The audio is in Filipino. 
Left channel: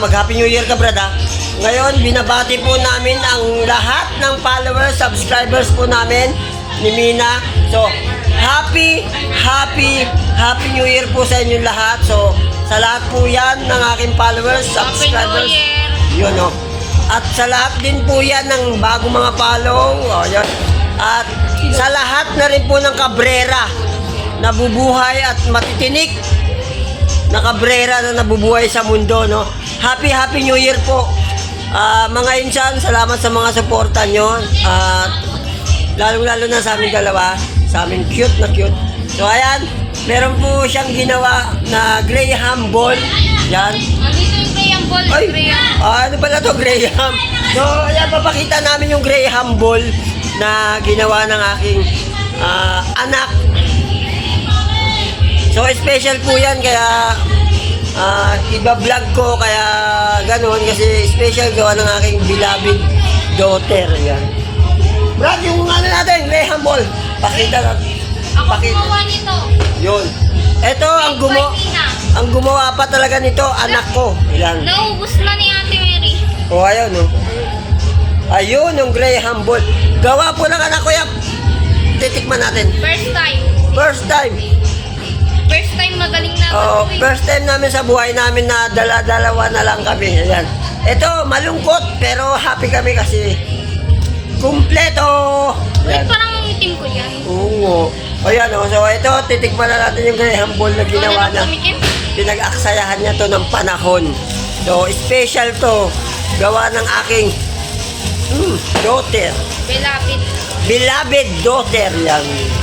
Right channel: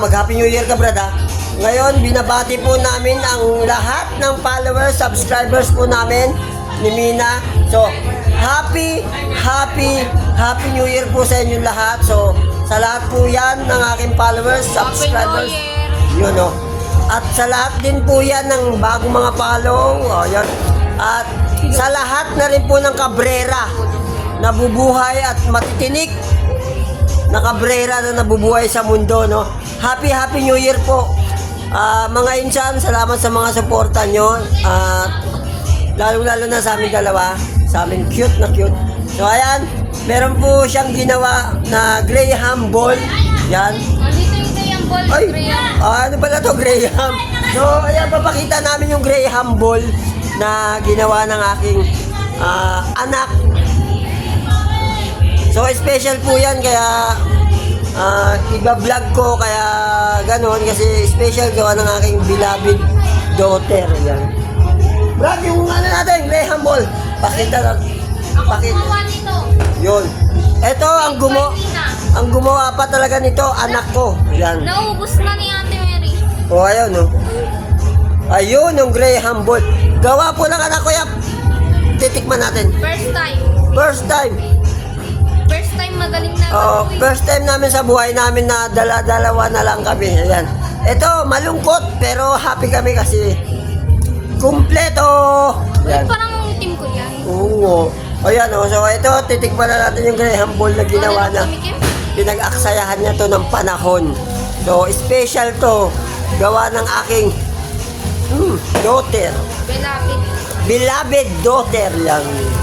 mag-Happy New Year ka, brada. Ngayon, binabati po namin ang lahat ng followers, subscribers po namin ni Mina. So, happy, happy, happy New Year po sa inyo lahat. So, sa lahat po yan ng aking followers, Happy New subscribers. Year! Yun, oh. At sa lahat din po yan ng bagong mga palong. Oh, yan. At sa lahat na rin po ng kabrera na bubuhay at matitinik na kabrera na nabubuhay sa mundo, no? Happy, Happy New Year po. Ah, mga insan, salamat sa mga suporta nyo. At lalong-lalo na sa aming dalawa, sa aming cute na cute. So, ayan, meron po siyang ginawa na Graham Ball. Yan. Graham Ball. Ay, ah, ano pala to Graham? So, ayan, papakita namin yung Graham Ball na ginawa ng aking special po yan, kaya ah, iba-vlog ko, kaya ganon, kasi special gawa ng aking beloved daughter. Yan. Brad, yung ano natin, Graham Ball. Pakita ka. Ako gumawa nito. Yun. Ito, ang gumawa, ang gumawa pa talaga nito, anak ko. Yan. Naubos na ni Ate Mary. O, ayun, o. Ayun, yung Graham Ball. Gawa po ng anak ko yan. Titikman natin. Oh, first time namin sa buhay namin na dala-dalawa na lang kami. Ayan. Ito, malungkot, pero happy kami kasi kumpleto. Ayan. parang ang itim ko dyan. Oo. Ayan, o. So, ito, titikman na natin yung Ball na ginawa niya. Pinag-aksayahan niya to ng panahon. So, special to. Gawa ng aking hmm, daughter. Belapit. Beloved daughter yan.